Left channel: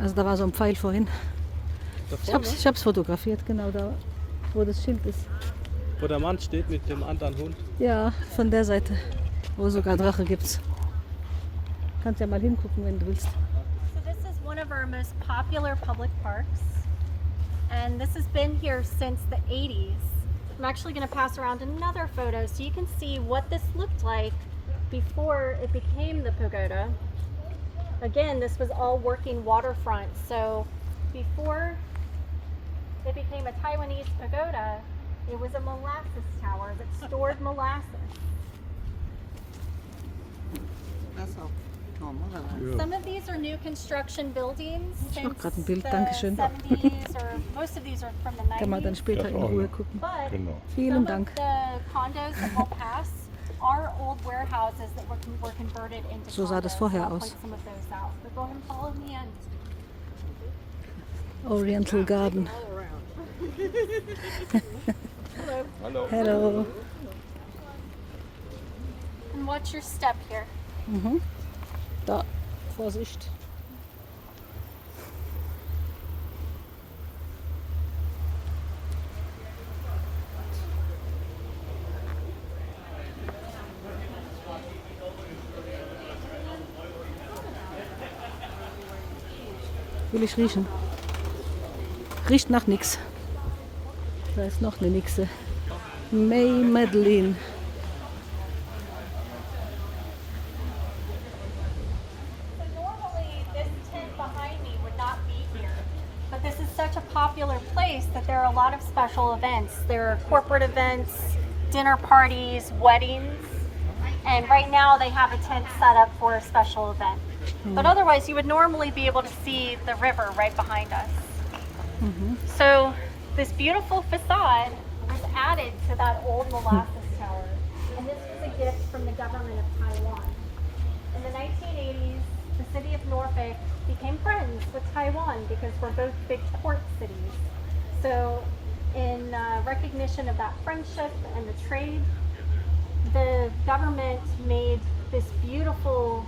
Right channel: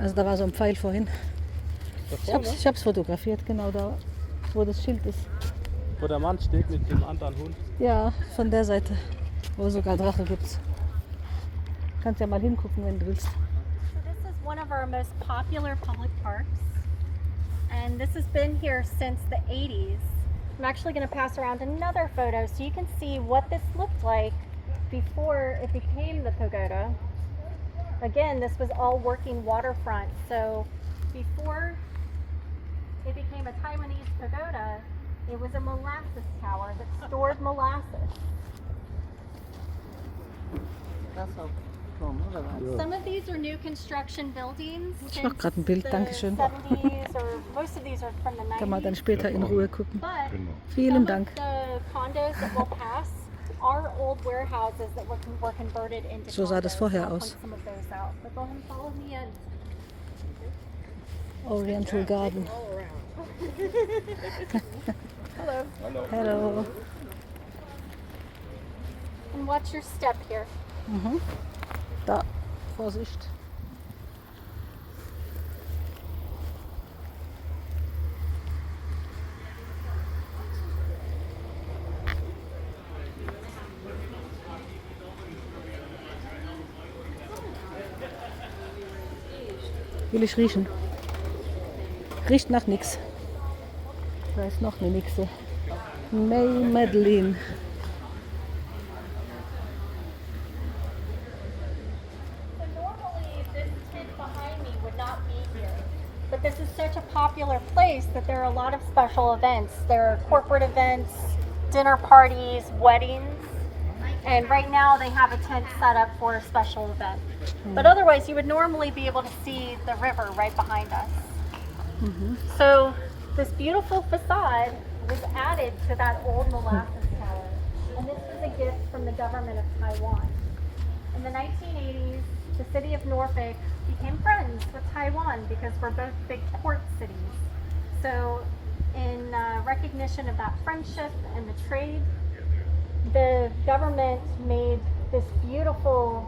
Also da war so ein Pfeil vorhin. Ich hab's fotografiert, genau da, wo das Schild ist. Wo der Mann steht mit dem anderen Hund. Ja, von der Seite, wo sogar Drache gibt's. Kannst ja mal hingucken, wenn du willst. So this is one of our most popular public parks. And this has been here since the 80s. I'm actually going to pass around another photo so you can see what this looked like before it became the pagoda. Again, this was all working waterfront. So before it became a Taiwanese pagoda, it was a molasses tower that stored molasses. That's all. Some of these are new construction buildings Ich since mach grad ein Bild, the Dankeschön. 70s, or most of these are from the Kann man dann 90s. später in Ruhe gucken. But Genau. Vielen some Dank. of the condos that we'll pass are old warehouses that were converted into So sah das condos. vorher I'll aus. point some of those out. But go ahead and follow me in. Oriental Garden. Hello. Hallo. Hello. And watch your step here. Mhm. Da, Vorsicht. Will ich riechen? Riecht nach nix. Da ist noch eine Nixe. May Madeline. Normally, this tent behind me would not be here. But this is such a popular place that there are a lot of special events. There are corporate events, dinner parties, weddings. And right now they have a tent set up for a special event. But otherwise, you would normally be able to see the river right behind us. So this beautiful facade was added to that old molasses tower. And this was a gift from the government of Taiwan. In the 1980s, the city of Norfolk became friends with Taiwan because we're both big port cities. So in recognition of that friendship and the trade, the government made this beautiful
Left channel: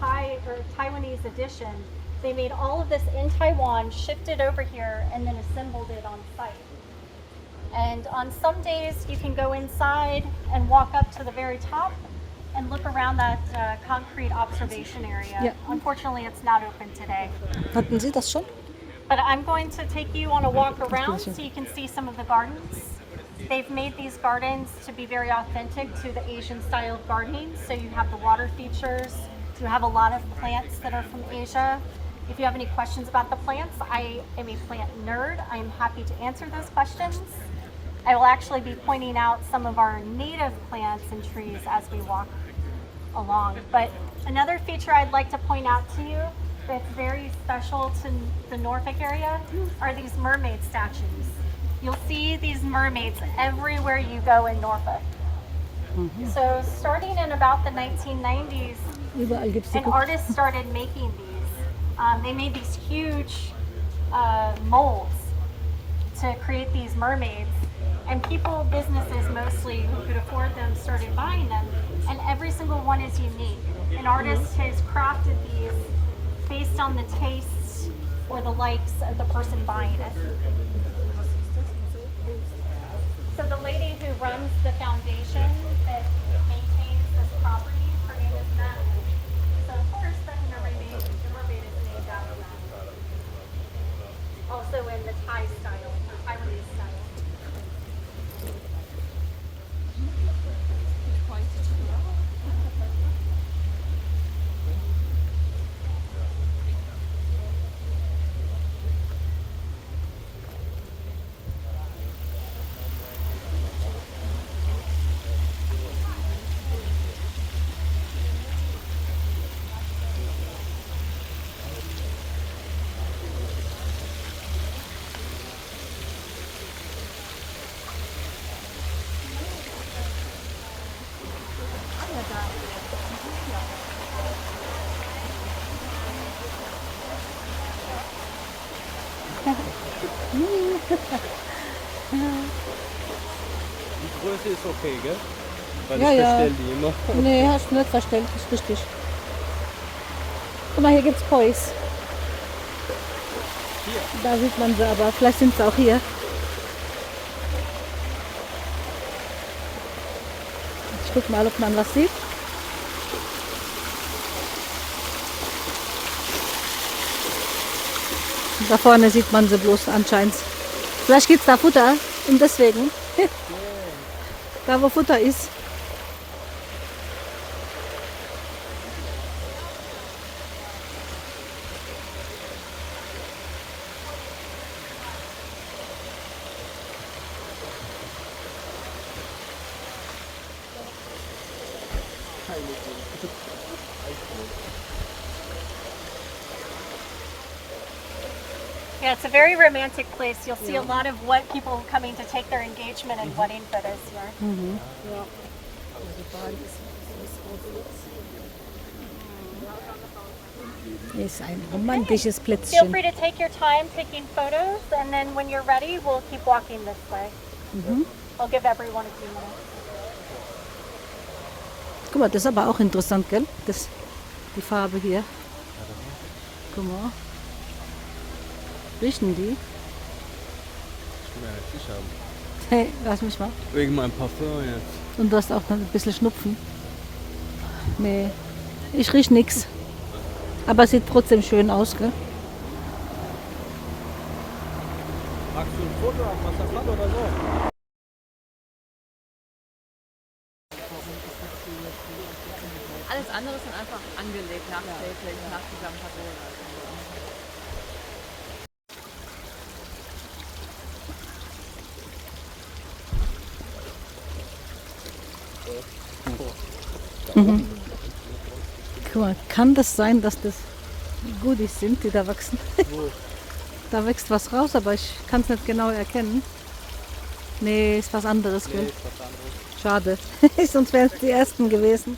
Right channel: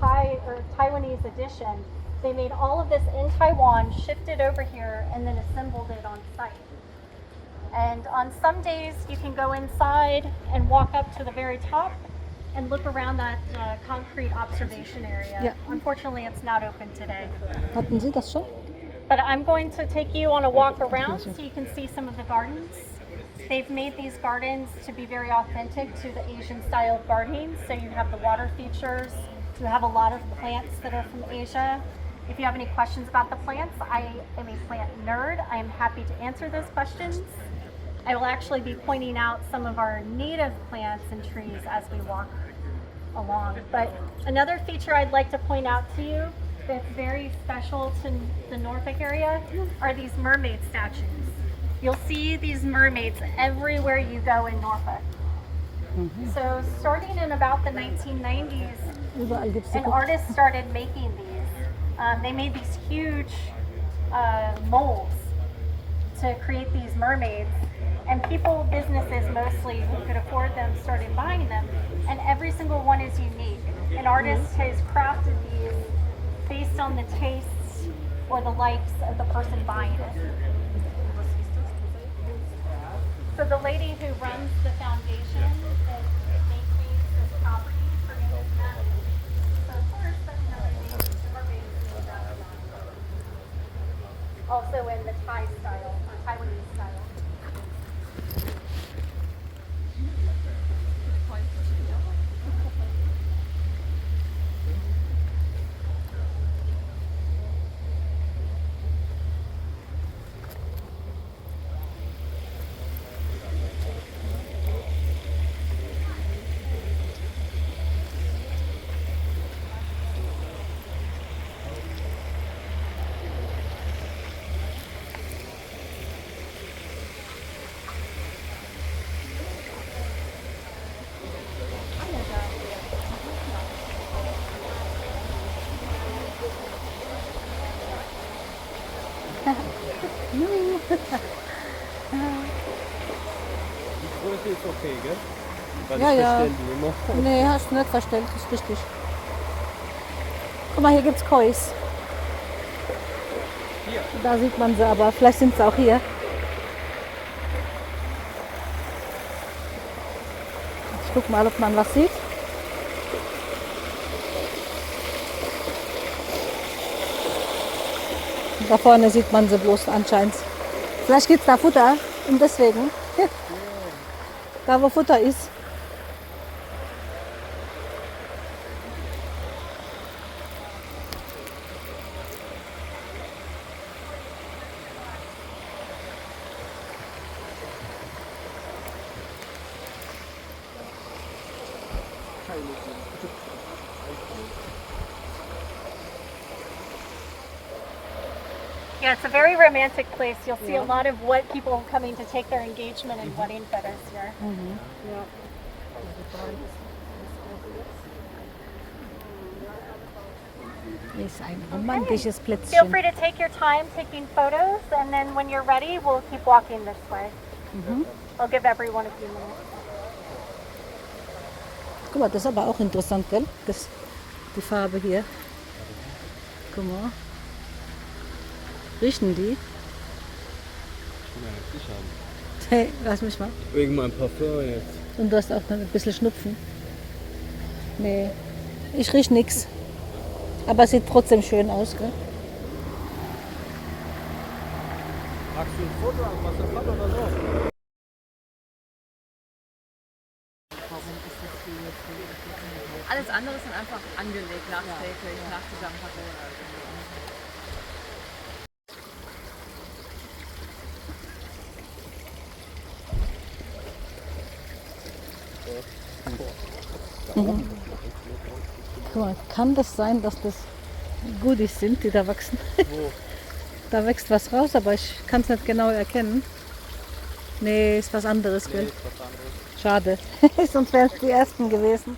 Taiwanese addition. They made all of this in Taiwan, shipped it over here, and then assembled it on site. And on some days, you can go inside and walk up to the very top and look around that concrete observation area. Yeah. Unfortunately, it's not open today. Hatten Sie das schon? But I'm going to take you on a walk around so you can see some of the gardens. They've made these gardens to be very authentic to the Asian style of gardening. So you have the water features, you have a lot of plants that are from Asia. If you have any questions about the plants, I am a plant nerd. I am happy to answer those questions. I will actually be pointing out some of our native plants and trees as we walk along. But another feature I'd like to point out to you that's very special to the Norfolk area are these mermaid statues. You'll see these mermaids everywhere you go in Norfolk. So starting in about the 1990s, Überall gibt es die an artist started making these. They made these huge molds to create these mermaids. And people, businesses mostly, who could afford them, started buying them. And every single one is unique. An artist has crafted these based on the tastes or the likes of the person buying it. So the lady who runs the foundation that maintains this property, her name is Natalie. So of course, that's another name. The mermaid is named after that. Also in the Thai style, or Taiwanese style. Die Größe ist okay, gell? Weil Ja, ich ja. bestelle die immer. Nee, hast du nicht verstellt, ist richtig. Guck mal, hier gibt's Kois. Hier. Da sieht man sie, aber vielleicht sind sie auch hier. Ich guck mal, ob man was sieht. Da vorne sieht man sie bloß anscheinend. Vielleicht gibt es da Futter und deswegen. Da wo Futter ist. Yeah, it's a very romantic place. You'll see a lot of what people coming to take their engagement and wedding photos here. Ist ein romantisches Feel Plätzchen. free to take your time taking photos, and then when you're ready, we'll keep walking this way. I'll give everyone a few minutes. Guck mal, das ist aber auch interessant, gell? Das, die Farbe hier. Guck mal. Riechen die? Ja, ich habe. Hey, lass mich mal. Wegen meinem Parfum jetzt. Und du hast auch noch ein bisschen Schnupfen. Nee, ich riech nix. Aber es sieht trotzdem schön aus, gell? Magst du ein Foto am Wasserfall oder so? Alles andere sind einfach angelegt nach Tasting, nach Zusammenfassung. Guck mal, kann das sein, dass das Goodies sind, die da wachsen? Da wächst was raus, aber ich kann es nicht genau erkennen. Nee, ist was anderes, gell? Schade. Sonst wären es die ersten gewesen.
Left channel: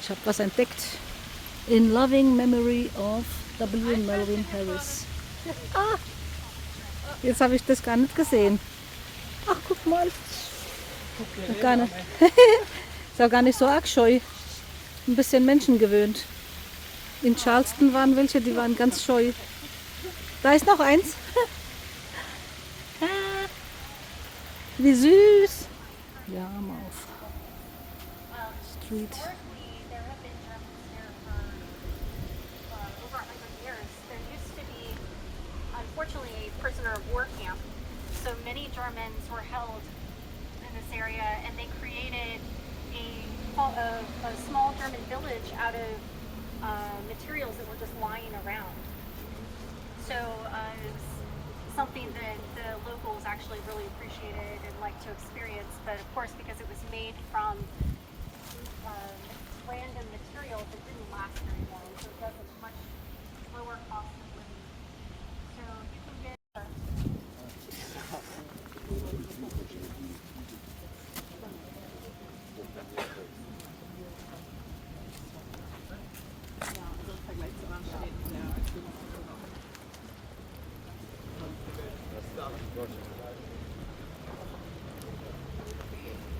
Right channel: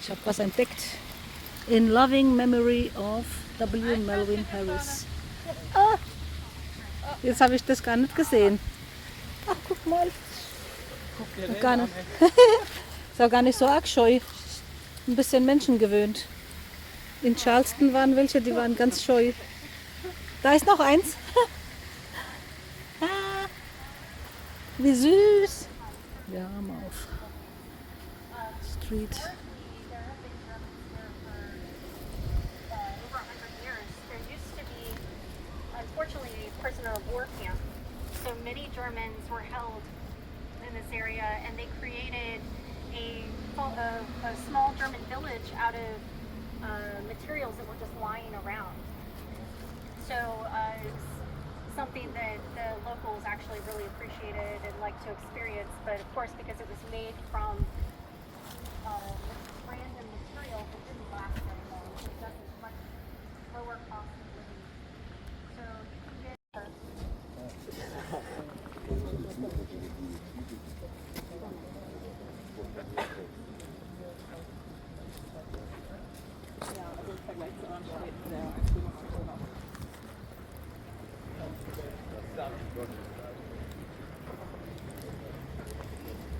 Ich habe was entdeckt. In loving memory of W. Melvin Harris. Ah, jetzt habe ich das gar nicht gesehen. Ach, guck mal. Gar nicht. Ist auch gar nicht so arg scheu. Ein bisschen menschengewöhnt. In Charleston waren welche, die waren ganz scheu. Da ist noch eins. Ah, wie süß. Ja, mal auf. Street. There have been Germans here for over 100 years. There used to be, unfortunately, a prisoner of war camp. So many Germans were held in this area, and they created a small German village out of materials that were just lying around. So it's something that the locals actually really appreciated and liked to experience. But of course, because it was made from random materials, it didn't last very long. So it was a much lower cost of living. So you can get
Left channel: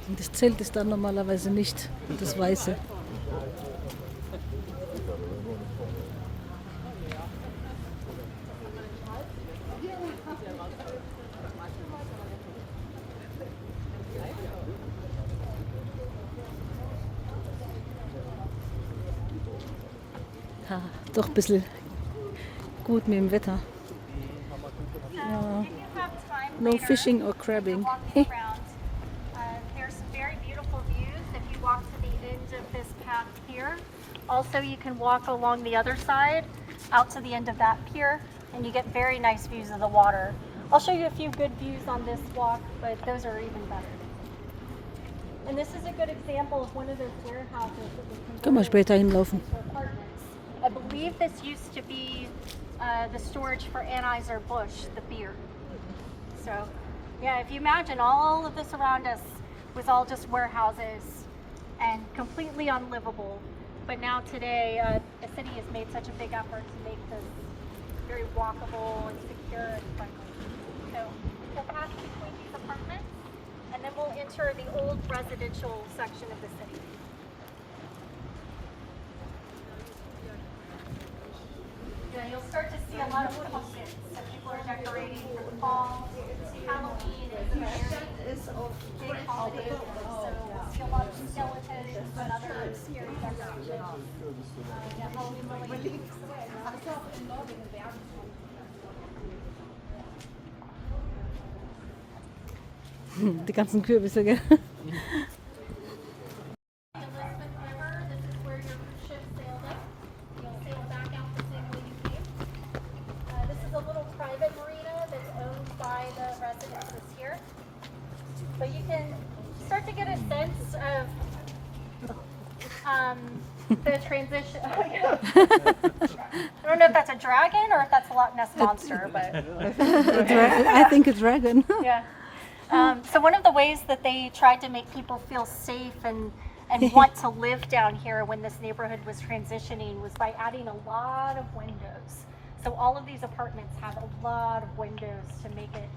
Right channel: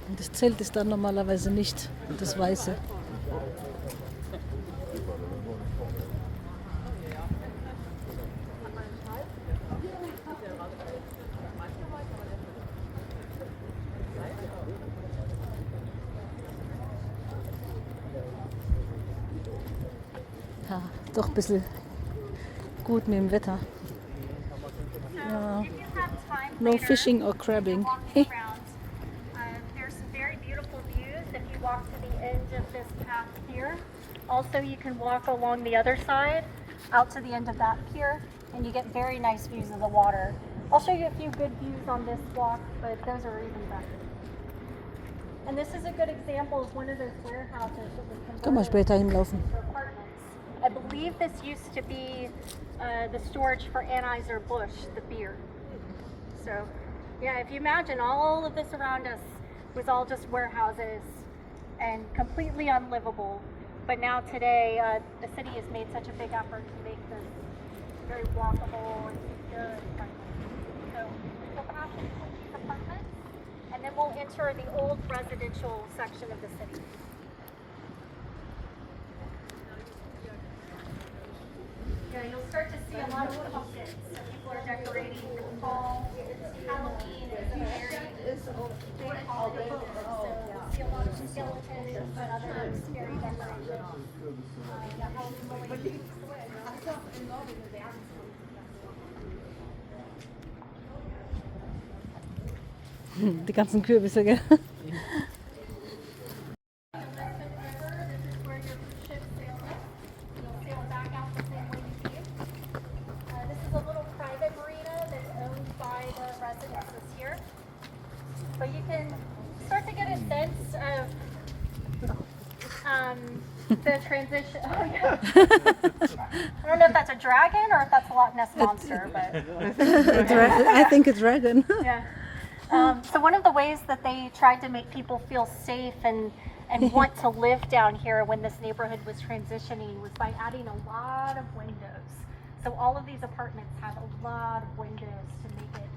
Und das Zelt ist dann normalerweise nicht das Weiße. Ja, doch ein bisschen gut mit dem Wetter. Ja. if you have time No later, fishing or crabbing. walking around, there's some very beautiful views if you walk to the end of this path here. Also, you can walk along the other side out to the end of that pier, and you get very nice views of the water. I'll show you a few good views on this walk, but those are even better. And this is a good example of one of those warehouses that was Können wir converted später hinlaufen. into apartments. I believe this used to be the storage for Anheuser-Busch, the beer. So, yeah, if you imagine all of this around us was all just warehouses and completely unlivable. But now today, the city has made such a big effort to make this very walkable and secure and friendly. So we'll pass between these apartments, and then we'll enter the old residential section of the city. see a lot of pumpkins. So people are decorating for the fall. Halloween is a very big holiday. So we'll see a lot of skeletons and other scary decorations. Yeah, Halloween related. Die ganzen Kürbisse, gell? Elizabeth River, this is where your cruise ship sailed up. You'll sail back out the same way you came. This is a little private marina that's owned by the residences here. But you can start to get a sense of the transition. I don't know if that's a dragon or if that's a Loch Ness monster, but I think a dragon. yeah. So one of the ways that they tried to make people feel safe and want to live down here when this neighborhood was transitioning was by adding a lot of windows. So all of these apartments have a lot of windows to make it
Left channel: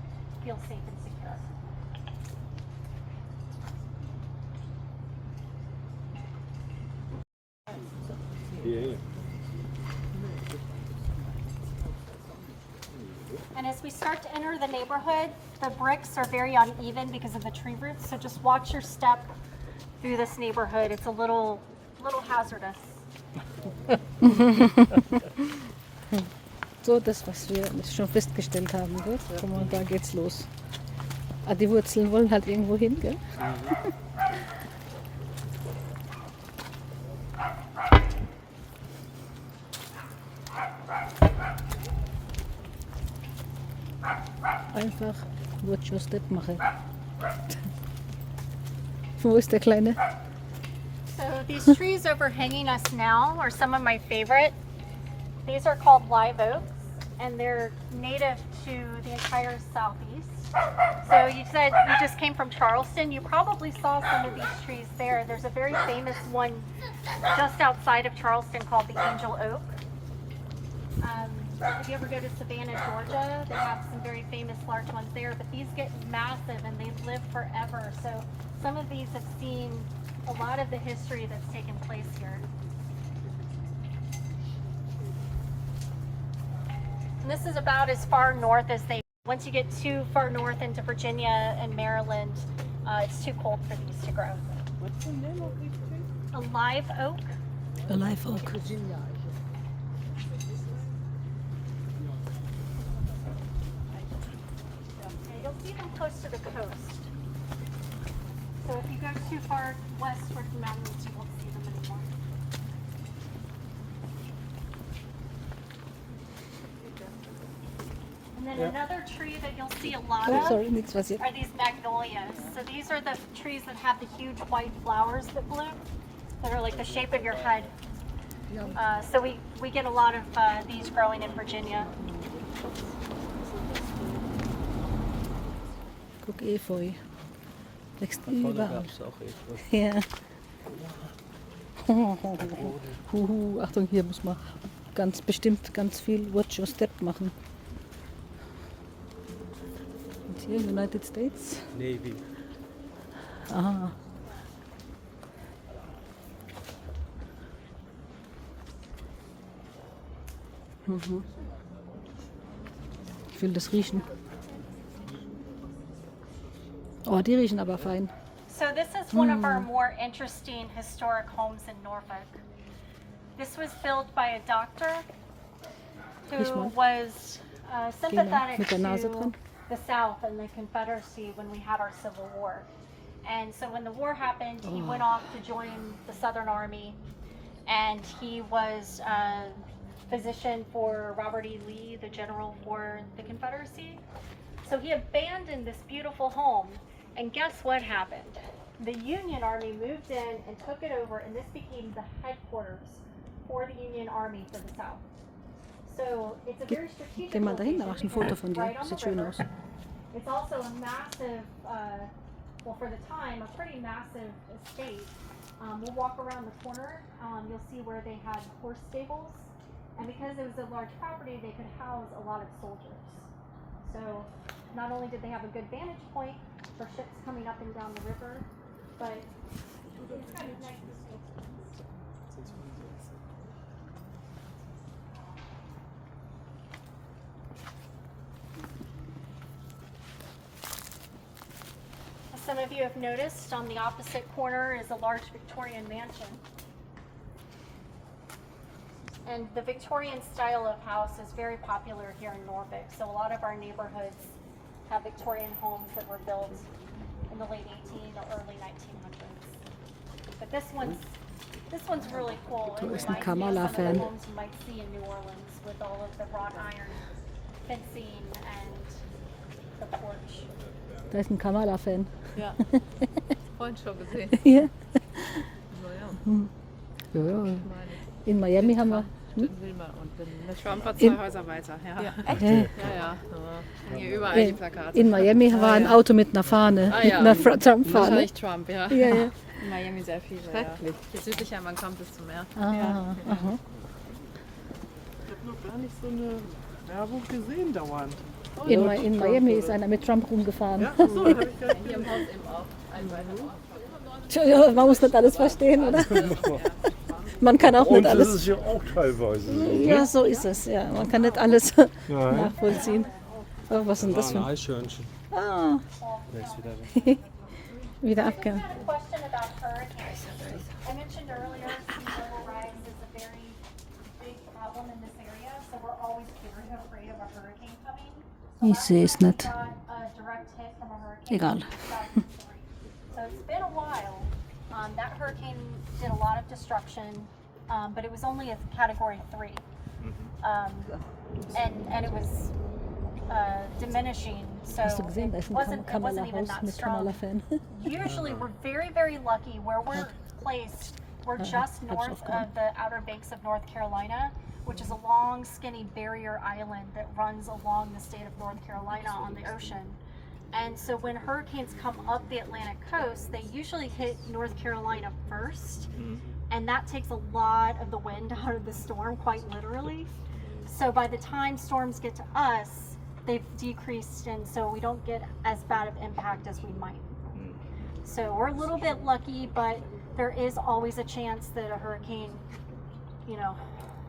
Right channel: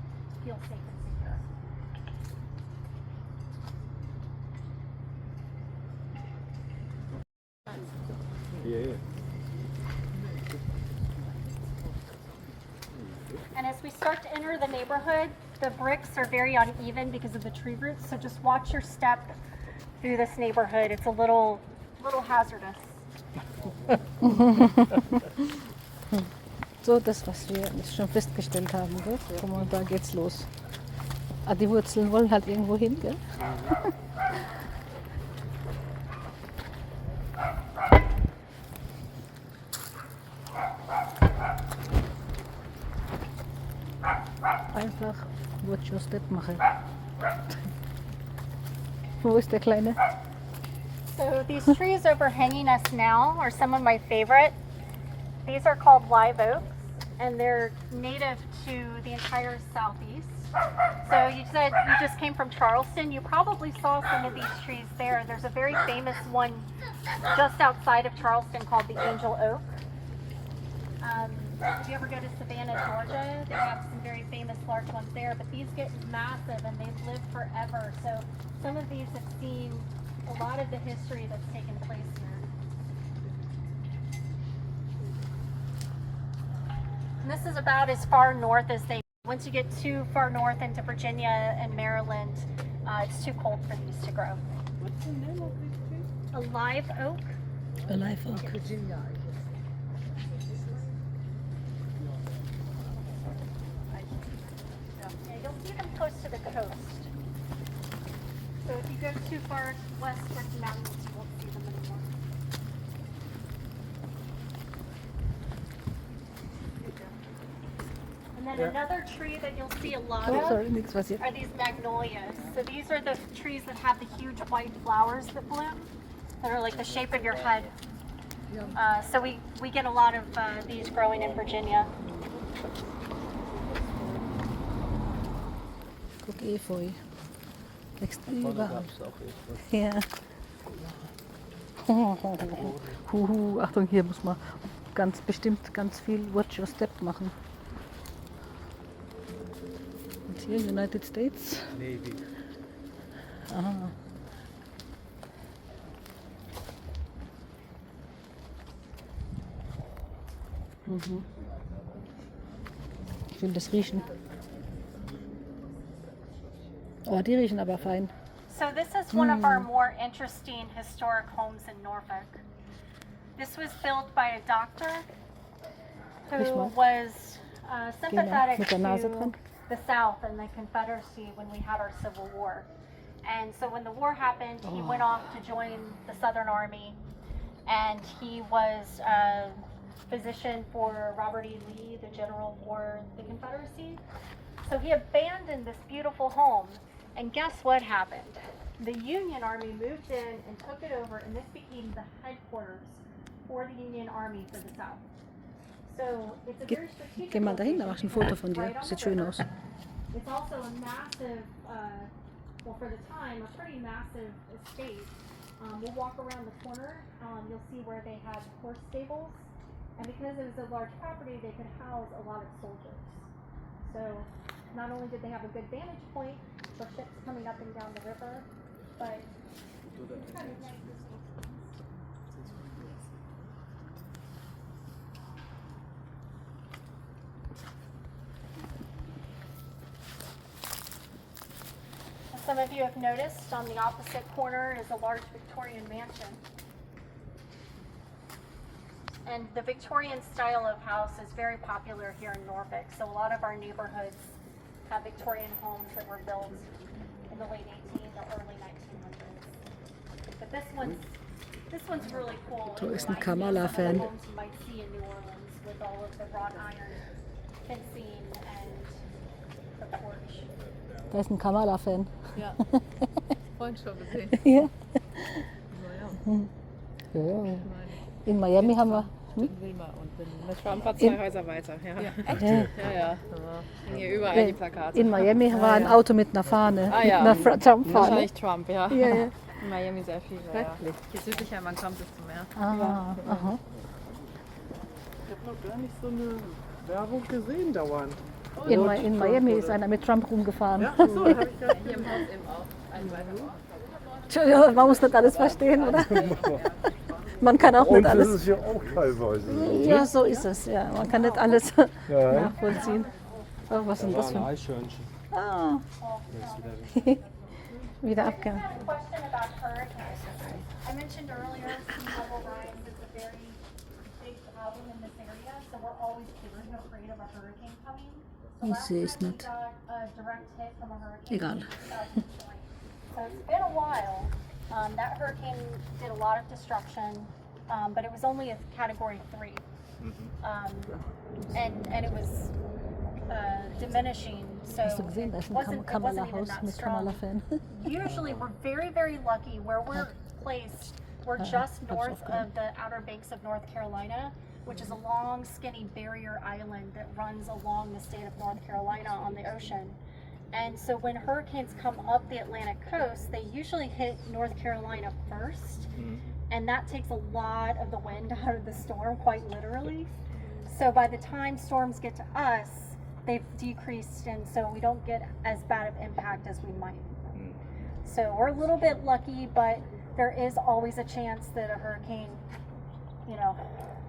feel safe and secure. Yeah. And as we start to enter the neighborhood, the bricks are very uneven because of the tree roots. So just watch your step through this neighborhood. It's a little hazardous. So, das, was wir schon festgestellt haben, gell? Guck mal, da geht's los. Ah, die Wurzeln wollen halt irgendwo hin, gell? Einfach Watch Your Step machen. Wo ist der Kleine? So these trees overhanging us now are some of my favorite. These are called live oaks, and they're native to the entire southeast. So you said you just came from Charleston. You probably saw some of these trees there. There's a very famous one just outside of Charleston called the Angel Oak. If you ever go to Savannah, Georgia, they have some very famous large ones there, but these get massive and they live forever. So some of these have seen a lot of the history that's taken place here. And this is about as far north as they. Once you get too far north into Virginia and Maryland, it's too cold for these to grow. What's the name of this tree? A live oak. A live oak. Virginia. Yeah, you'll see them close to the coast. So if you go too far west towards the mountains, you won't see them anymore. And then another tree that you'll see a lot Oh, of sorry, nichts was are these magnolias. So these are the trees that have the huge white flowers that bloom, that are like the shape of your head. So we get a lot of these growing in Virginia. Guck, Efeu. Wächst überall. Ja. Huhu, Achtung, hier muss man ganz bestimmt ganz viel Watch Your Step machen. Und hier United States. Navy. Aha. Mhm. Ich will das riechen. Oh, die riechen aber fein. So this is one of our more interesting historic homes in Norfolk. This was built by a doctor who was sympathetic mit der Nase to dran. the South and the Confederacy when we had our Civil War. And so when the war happened, he went off to join the Southern Army, and he was a physician for Robert E. Lee, the general for the Confederacy. So he abandoned this beautiful home, and guess what happened? The Union Army moved in and took it over, and this became the headquarters for the Union Army for the South. So it's a very strategic Geh mal dahin, da location mach ich ein Foto von dir. right on the Sieht schön river. aus. It's also a massive, well, for the time, a pretty massive estate. We'll walk around the corner. You'll see where they had horse stables. And because it was a large property, they could house a lot of soldiers. So not only did they have a good vantage point for ships coming up and down the river, but it's kind of nice. Some of you have noticed on the opposite corner is a large Victorian mansion. And the Victorian style of house is very popular here in Norfolk. So a lot of our neighborhoods have Victorian homes that were built in the late 18 or early 1900s. But this one's really cool. Da It ist ein reminds me of some of the Kamala-Fan. homes you might see in New Orleans with all of the wrought iron fencing and the porch. Da ist ein Kamala-Fan. Ja. Vorhin schon gesehen. Ja. So, ja. Ja. Meine. In Miami haben wir. In Wilma und in Trump war 2 Häuser weiter, ja. Ja, echt? Ja. Ja, ja. Hier überall die Plakate. In Miami war ein Auto mit einer Fahne, Ah, mit ja. einer Trump-Fahne. Wahrscheinlich Trump, ja. Ja, ja. In Miami sehr viele. Ja. Je südlicher man kommt, desto mehr. Ah, aha. Ich habe noch gar nicht so eine Werbung gesehen dauernd. In Miami ist einer mit Trump rumgefahren. Ja, achso, da habe ich gar Hier im Haus eben auch. Ein weiterer. Tja, man muss nicht alles verstehen, oder? Man kann auch Und nicht das alles. ist ja auch teilweise so. Ja, so ist es. Ja, man kann nicht alles Ja. nachvollziehen. Oh, was ist denn das für ein... Eichhörnchen. Ah, wieder abgehen. I had a question about hurricanes. I mentioned earlier sea level rise is a very big problem in this area, so we're always very afraid of a hurricane coming. So Ich sehe es nicht. we got a direct hit from a hurricane Egal. in 2003. So it's been a while. That hurricane did a lot of destruction, but it was only a category 3. And it was diminishing, so Hast du gesehen, da ist it ein wasn't even Kamala-Haus that mit strong. Kamala-Fan. Usually we're very, very lucky where we're placed. We're just hab's north aufgenommen. of the Outer Banks of North Carolina, which is a long, skinny barrier island that runs along the state of North Carolina on the ocean. And so when hurricanes come up the Atlantic coast, they usually hit North Carolina first, and that takes a lot of the wind out of the storm, quite literally. So by the time storms get to us, they've decreased, and so we don't get as bad of impact as we might. So we're a little bit lucky, but there is always a chance that a hurricane,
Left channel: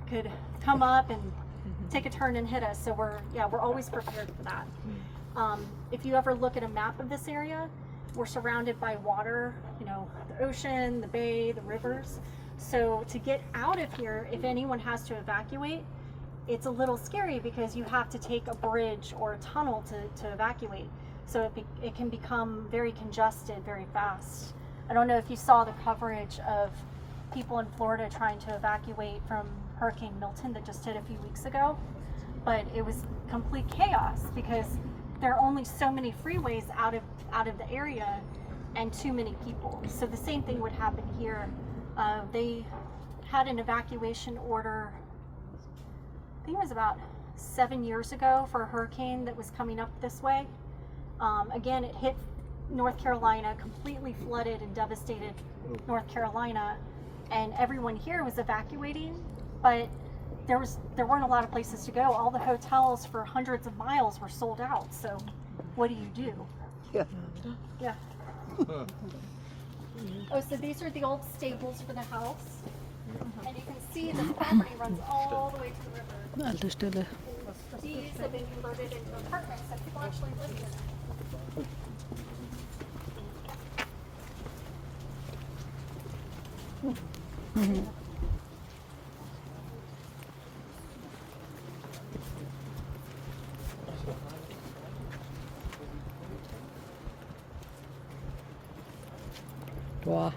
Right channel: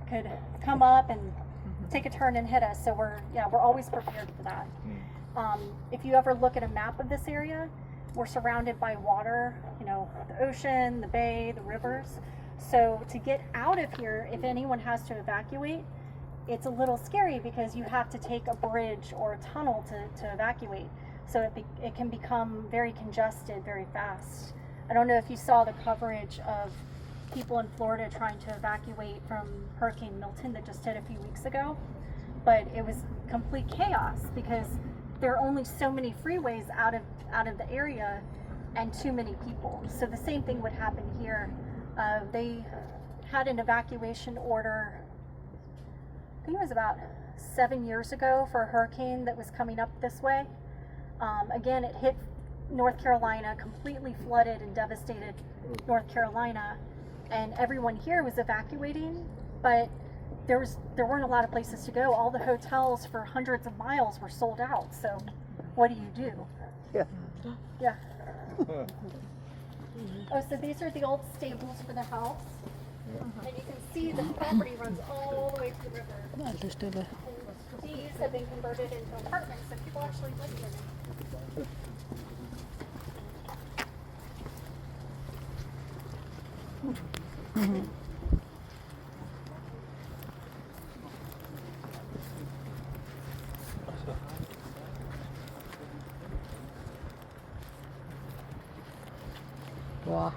could come up and take a turn and hit us. So we're always prepared for that. If you ever look at a map of this area, we're surrounded by water, the ocean, the bay, the rivers. So to get out of here, if anyone has to evacuate, it's a little scary because you have to take a bridge or a tunnel to evacuate. So it can become very congested very fast. I don't know if you saw the coverage of people in Florida trying to evacuate from Hurricane Milton that just hit a few weeks ago, but it was complete chaos because there are only so many freeways out of the area and too many people. So the same thing would happen here. They had an evacuation order, I think it was about 7 years ago, for a hurricane that was coming up this way. Again, it hit North Carolina, completely flooded and devastated North Carolina, and everyone here was evacuating, but there weren't a lot of places to go. All the hotels for hundreds of miles were sold out. So what do? Yeah. Yeah. Oh, so these are the old stables for the house. And you can see this property runs all the way to the river. Alte Stelle. These have been converted into apartments and people actually live in them. Boah.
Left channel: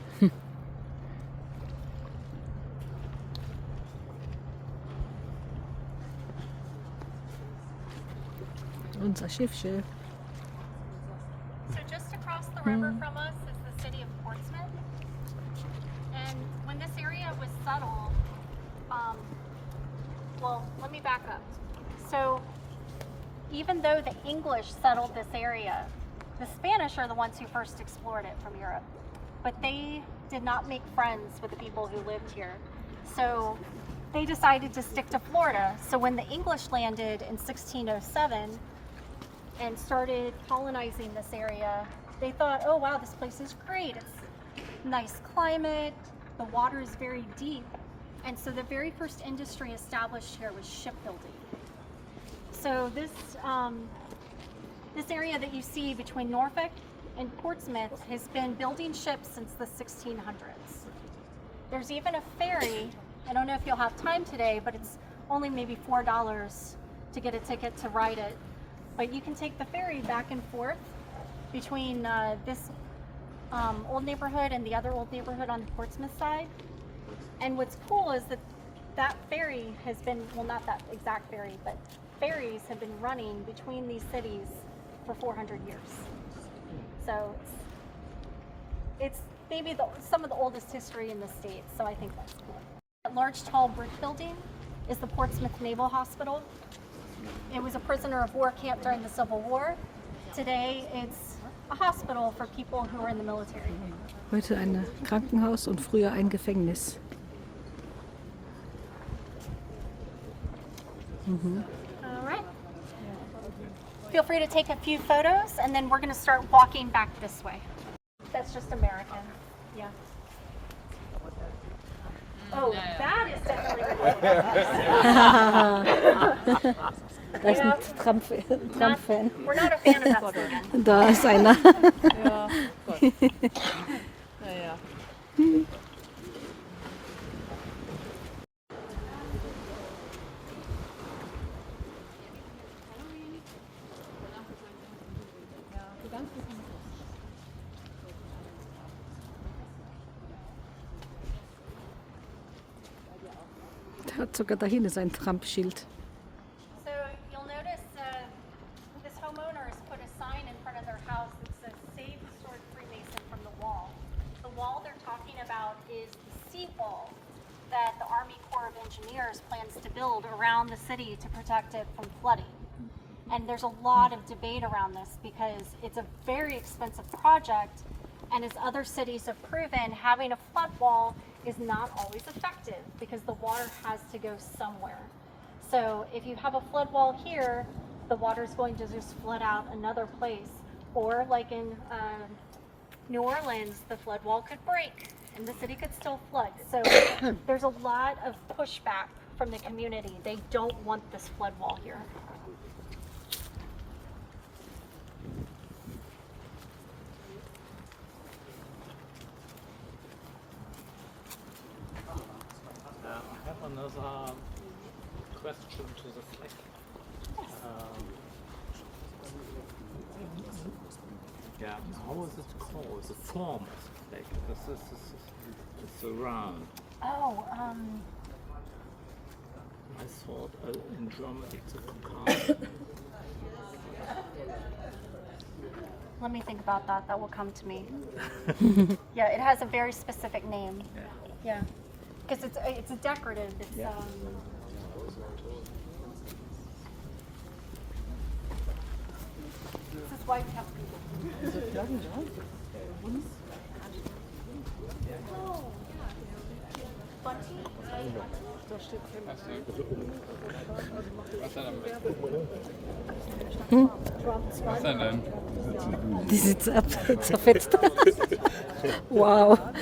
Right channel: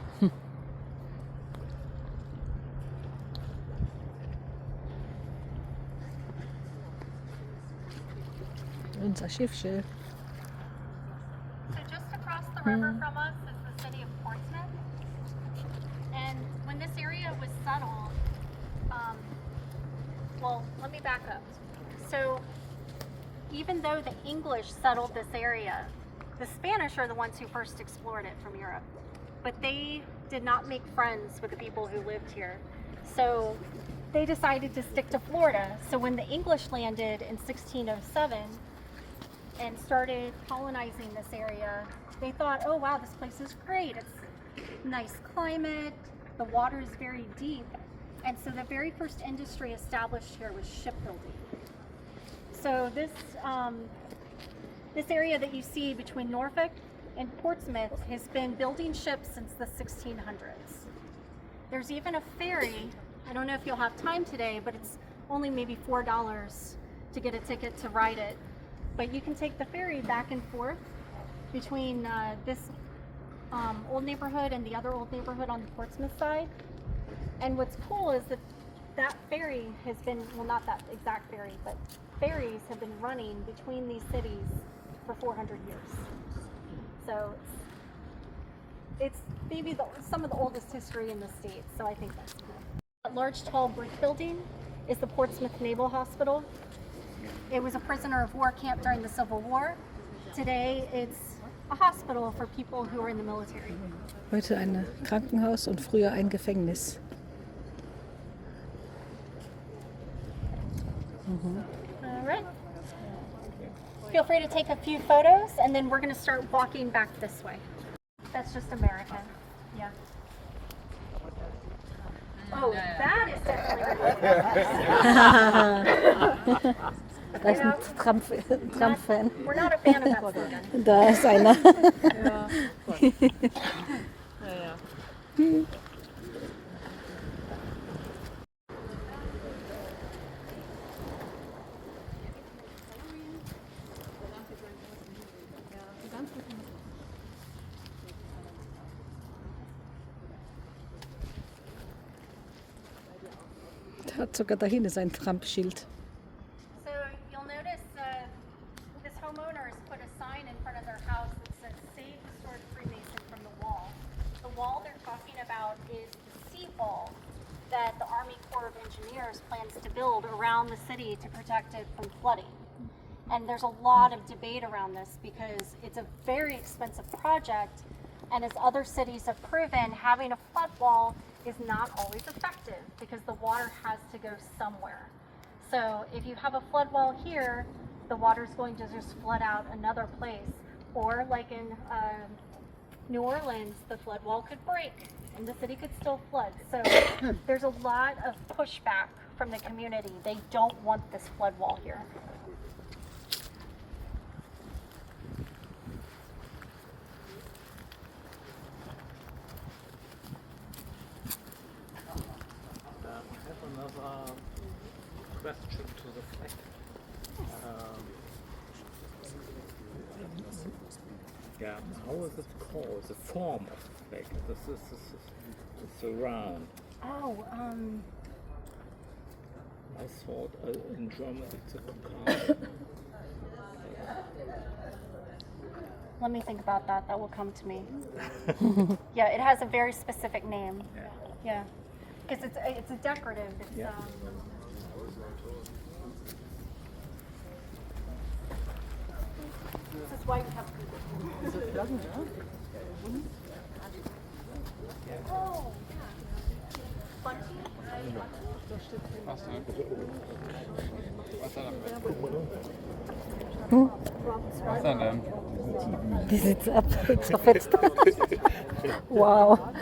Unser Schiffchen. So just across the river from us is the city of Portsmouth. And when this area was settled, well, let me back up. So even though the English settled this area, the Spanish are the ones who first explored it from Europe. But they did not make friends with the people who lived here. So they decided to stick to Florida. So when the English landed in 1607 and started colonizing this area, they thought, oh wow, this place is great. It's nice climate, the water is very deep. And so the very first industry established here was shipbuilding. So this area that you see between Norfolk in Portsmouth has been building ships since the 1600s. There's even a ferry. I don't know if you'll have time today, but it's only maybe $4 to get a ticket to ride it. But you can take the ferry back and forth between this old neighborhood and the other old neighborhood on the Portsmouth side. And what's cool is that that ferry has been, well, not that exact ferry, but ferries have been running between these cities for 400 years. So it's maybe some of the oldest history in the state, so I think that's cool. That large tall brick building is the Portsmouth Naval Hospital. It was a prisoner of war camp during the Civil War. Today it's a hospital for people who are in the military. Heute ein Krankenhaus und früher ein Gefängnis. All right. Feel free to take a few photos, and then we're going to start walking back this way. That's just American. Yeah. Oh, that is definitely. Da ist ein Trump-Fan. We're not a fan of that slogan. Da ist einer. Ja, Gott. Naja. Da hat sogar dahin ist ein Trump-Schild. So you'll notice this homeowner has put a sign in front of their house that says "Save Historic Freemason from the Wall." The wall they're talking about is the seawall that the Army Corps of Engineers plans to build around the city to protect it from flooding. And there's a lot of debate around this because it's a very expensive project, and as other cities have proven, having a flood wall is not always effective because the water has to go somewhere. So if you have a flood wall here, the water is going to just flood out another place. Or like in New Orleans, the flood wall could break and the city could still flood. So there's a lot of pushback from the community. They don't want this flood wall here. I have another question to the flag. Yeah, how is it called? The form of the flag. This is it's around. Oh, I thought in German it's a cockade. let me think about that. That will come to me. Yeah, it has a very specific name. Yeah, because it's a decorative. It's this is why we have people. Diese Flaggen da? Oh. Was denn? Die sitzt ab, zerfetzt. Wow.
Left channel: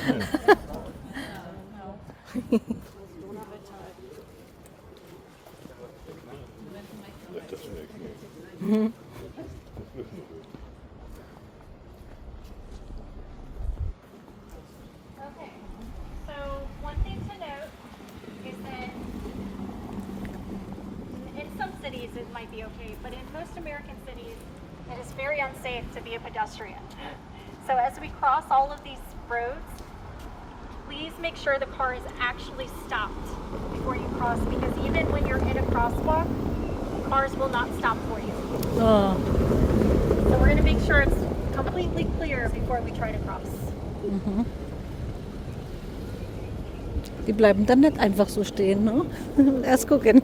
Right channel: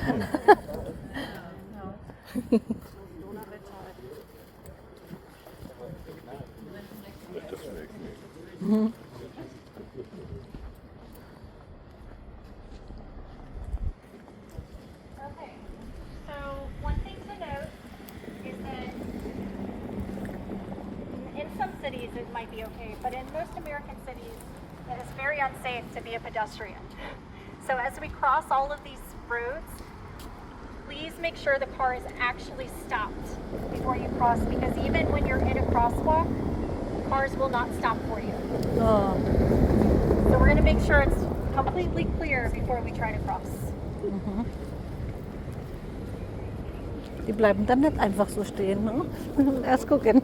Okay, so one thing to note is that in some cities it might be okay, but in most American cities it is very unsafe to be a pedestrian. So as we cross all of these roads, please make sure the car is actually stopped before you cross, because even when you're in a crosswalk, cars will not stop for you. So we're going to make sure it's completely clear before we try to cross. Die bleiben dann nicht einfach so stehen, ne? Erst gucken.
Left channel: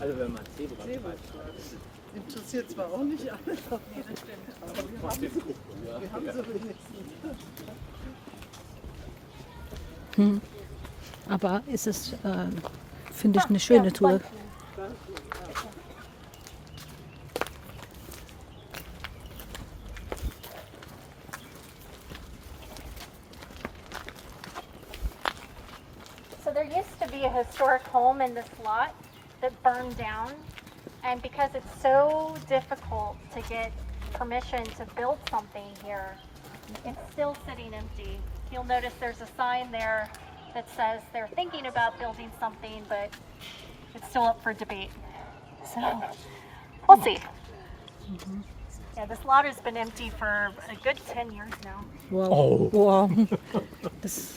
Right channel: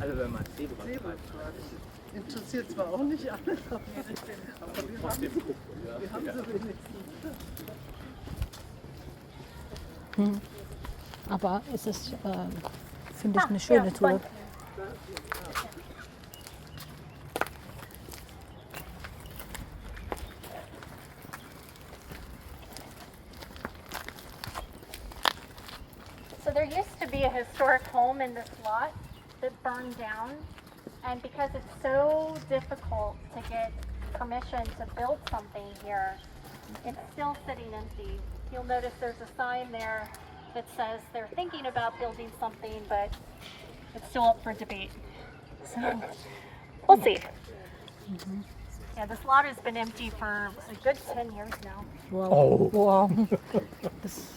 Also wenn man Zebra Interessiert zwar auch nicht alles, aber wir haben so wenigstens. Aber es ist, finde ich, eine schöne Tour. So there used to be a historic home in this lot that burned down, And because it's so difficult to get permission to build something here, it's still sitting empty. You'll notice there's a sign there that says they're thinking about building something, but it's still up for debate. So we'll see. Yeah, this lot has been empty for a good 10 years now. Wow. Wow. Das